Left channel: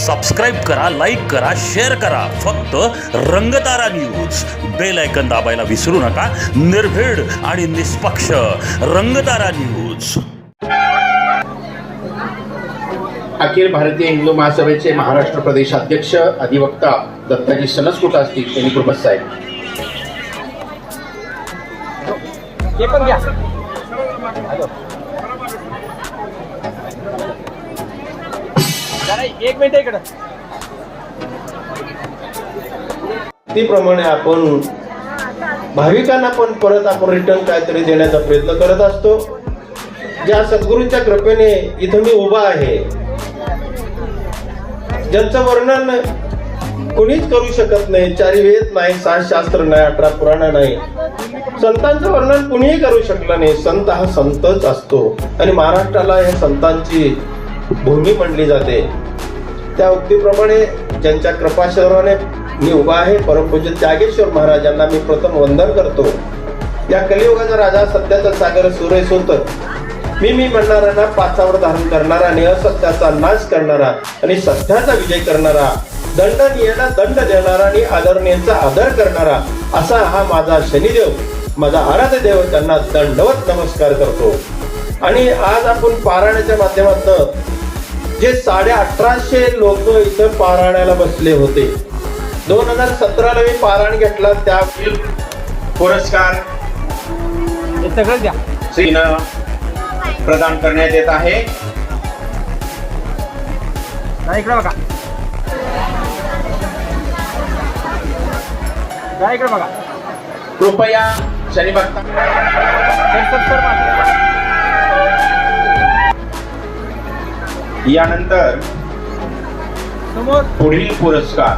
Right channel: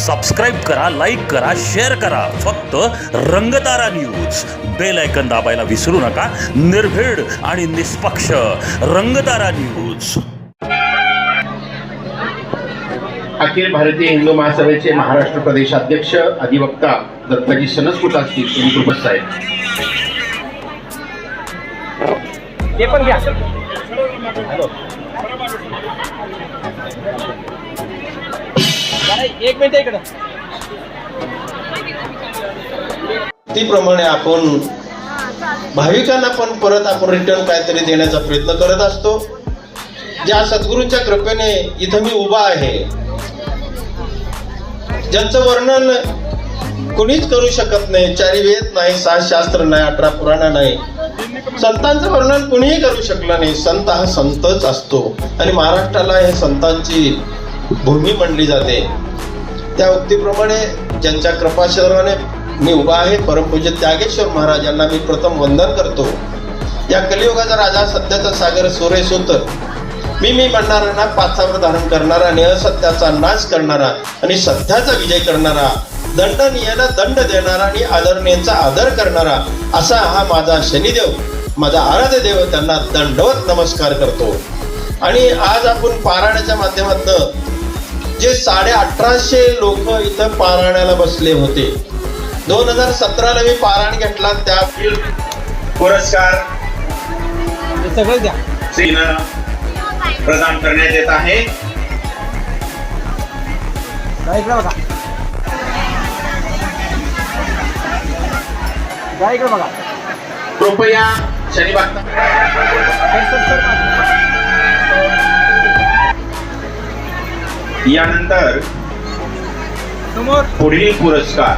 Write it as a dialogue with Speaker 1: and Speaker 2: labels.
Speaker 1: Subscribe करा like करा share करा. फक्त रंगतारा न्यूज बेल ऐकन दाबायला विसरू नका. निर्भीड आणि निष्पक्ष रंगतारा न्यूज
Speaker 2: अखिल भारतीय हिंदू महासभेचे महाराष्ट्र प्रदेश अध्यक्ष अधिवक्ता दत्ताजी सनसकुटा असतील यांनी उपस्थित आहेत
Speaker 3: ते पण घ्या. एक मिनिट इकडं.
Speaker 4: त्याप्रमाणे आपण भाविकांना पण परत आपण रिटर्न काहीतरी देण्याचा प्रयत्न करत असतो. ज्या सद्गुरूंच्या कृपेने इथं मी उभा आहे ज्यांचं वर्णन कुणीच करू शकत नाही चारी वेद नाही सात शास्त्र नाही अठरा पुराण नाही. संतांचं वर्णन कुणीही करू शकलं नाही. संत हा संतच असतो. आणि महाराष्ट्राला हे संतांची भूमी म्हणली जाते. त्या उक्तीप्रमाणे ज्यांच्या कृपाशराने मी उभा आहे परमपूज्य त्यागेश्वर महाराजांना मी प्रथम वंदन करतो. या कलियुगाचा राजा सत्याचा सागर सुरेश होत. मी मी म्हणणाऱ्यांना पाचावर धारण करणारा आणि असत्याचा नाश करणारा आणि सत्याचा विजय करणारा दंडनीयाला दंड देणारा आणि आदरणीयांचा आदर करणारा असा हा माझा शनिदेव माझा आराध्य देव त्यांना दंडवत नमस्कार करतो. आणि आज आपण पारायणाच्या माध्यमातून जे साडे अठराशे लोक इथं पारायणाला बसले होते. दोन हजार सतराला मी पारायण घेतला त्या
Speaker 2: पुरस्कार
Speaker 3: सगळं द्या.
Speaker 2: प्रदान करण्यात येत आहे.
Speaker 3: इकडं बघा. इकडं बघा.
Speaker 2: कृपया शनी यानंतर
Speaker 3: समोर.
Speaker 2: पुढील पुरस्कार.